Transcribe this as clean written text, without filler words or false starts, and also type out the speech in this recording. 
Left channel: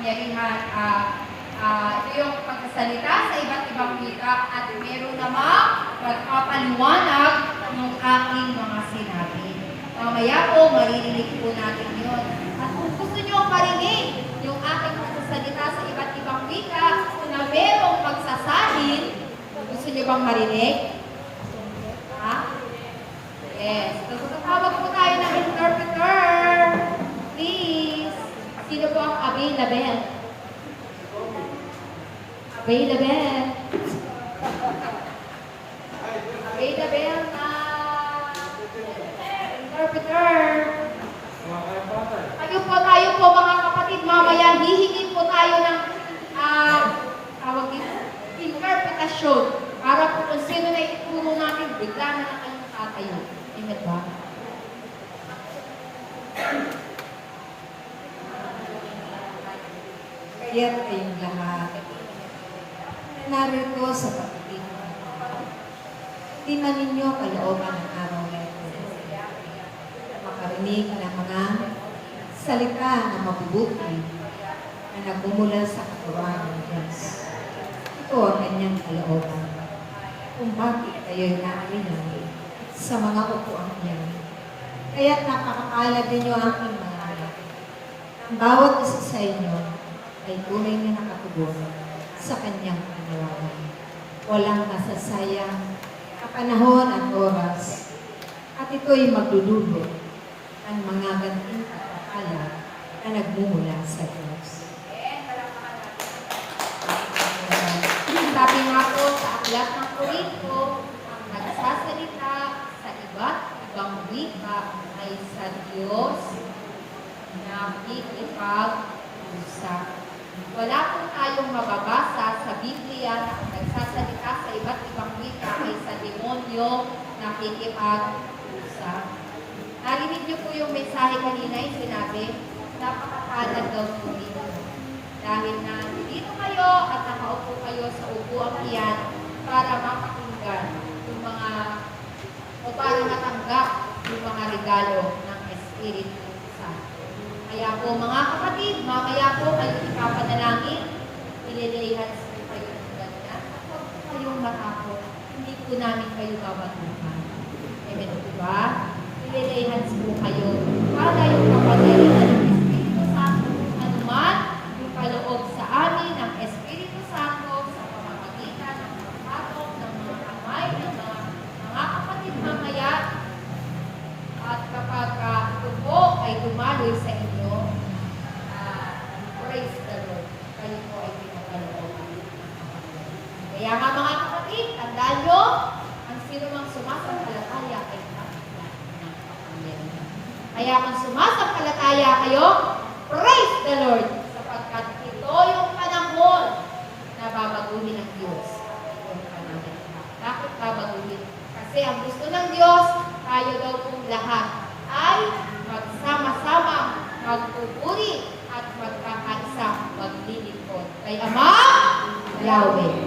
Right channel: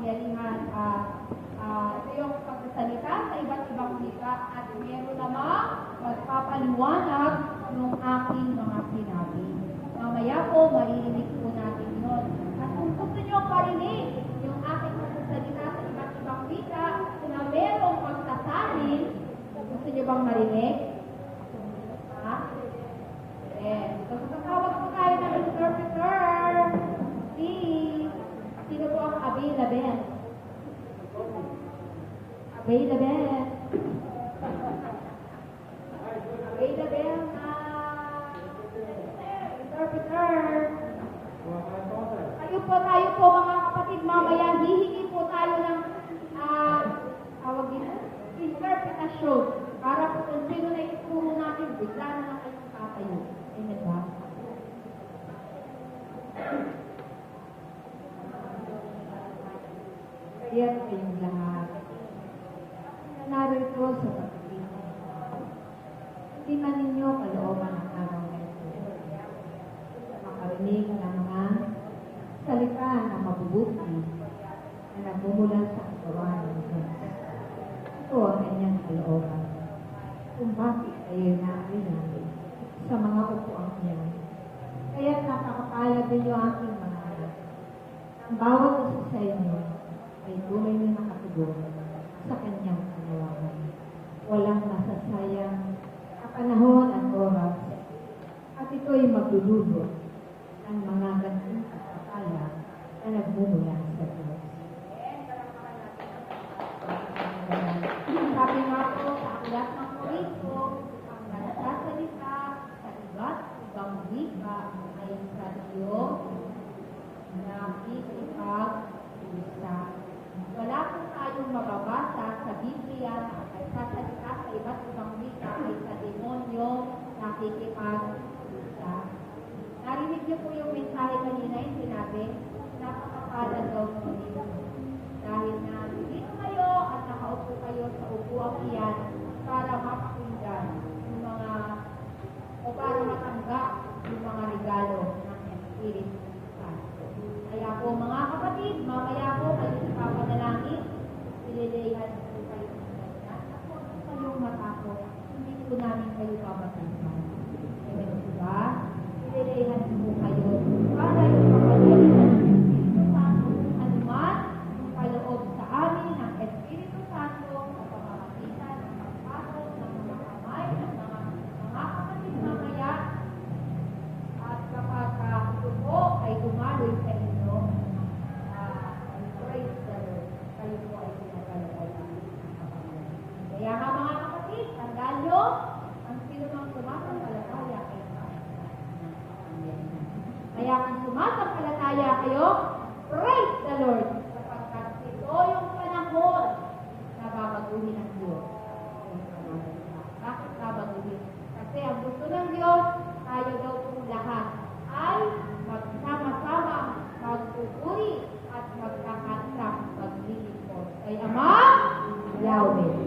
kapangyarihan. Ito yung pagsasalita sa iba't ibang wika at meron namang magpapaliwanag ng aking mga sinabi. Mamaya po, maririnig po natin yun. At kung gusto nyo marinig yung aking pagsasalita sa iba't ibang wika na merong pagsasalin, gusto nyo bang marinig? Ha? Yes. So, tatawag po tayo ng interpreter. Please. Sino po ang available? Available. Available na interpreter. Tayo po mga kapatid, mamaya hihingin po tayo ng tawag dito, interpretasyon para po kung sino na ituro natin, bigla na lang kayong tatayo. Amen ba? Kaya kayong lahat na narito sa pagtitinda. Tingnan ninyo kalooban ng araw na ito. Makarinig ng mga salita na mabubuti na nagmumula sa katawan ng Diyos. Ito ang kanyang kalooban. Kung bakit kayo'y nakinig sa mga upuan niya. Kaya't napakapalad ninyo ang aking mga anak. Ang bawat isa sa inyo ay tunay na nakatugon sa kanyang panawagan. Walang masasayang kapanahon at oras. At ito'y magdudulot ng mga ganting pagpapala na nagmumula sa Diyos. Sabi nga po sa aklat ng Korinto, ang nagsasalita sa iba't ibang wika ay sa Diyos na nakikipag-usap. Wala po tayong mababasa sa Biblia na ang nagsasalita sa iba't ibang wika ay sa demonyo nakikipag-usap. Narinig niyo po yung mensahe kanina yung sinabi, napakapalad daw po dito. Dahil na dito kayo at nakaupo kayo sa upuang iyan para mapakinggan yung mga o para matanggap yung mga regalo ng Espiritu Santo. Kaya po mga kapatid, mamaya po kayo ipapanalangin, ililihan po kayo ng ganyan. Huwag po kayong matakot, hindi po namin kayo babatuhan. Amen po ba? Ililihan po kayo para yung kapangyarihan ng Espiritu Santo anuman yung paloob sa amin ng Espiritu Santo sa pamamagitan ng pagpatok ng mga kamay ng mga kapatid mamaya at kapag ito po ay dumaloy sa inyo, praise the Lord, kayo po ay pinapalooban. Kaya nga mga kapatid, tandaan nyo, ang sino mang sumasampalataya ay kapatid ng kapangyarihan. Kaya kung sumasampalataya kayo, praise the Lord, sapagkat ito yung panahon na babaguhin ng Diyos. Yung panahon. Bakit babaguhin? Kasi ang gusto ng Diyos, tayo daw pong lahat ay magsama-sama, magpupuri at magkakaisa, maglilingkod kay Ama Yahweh.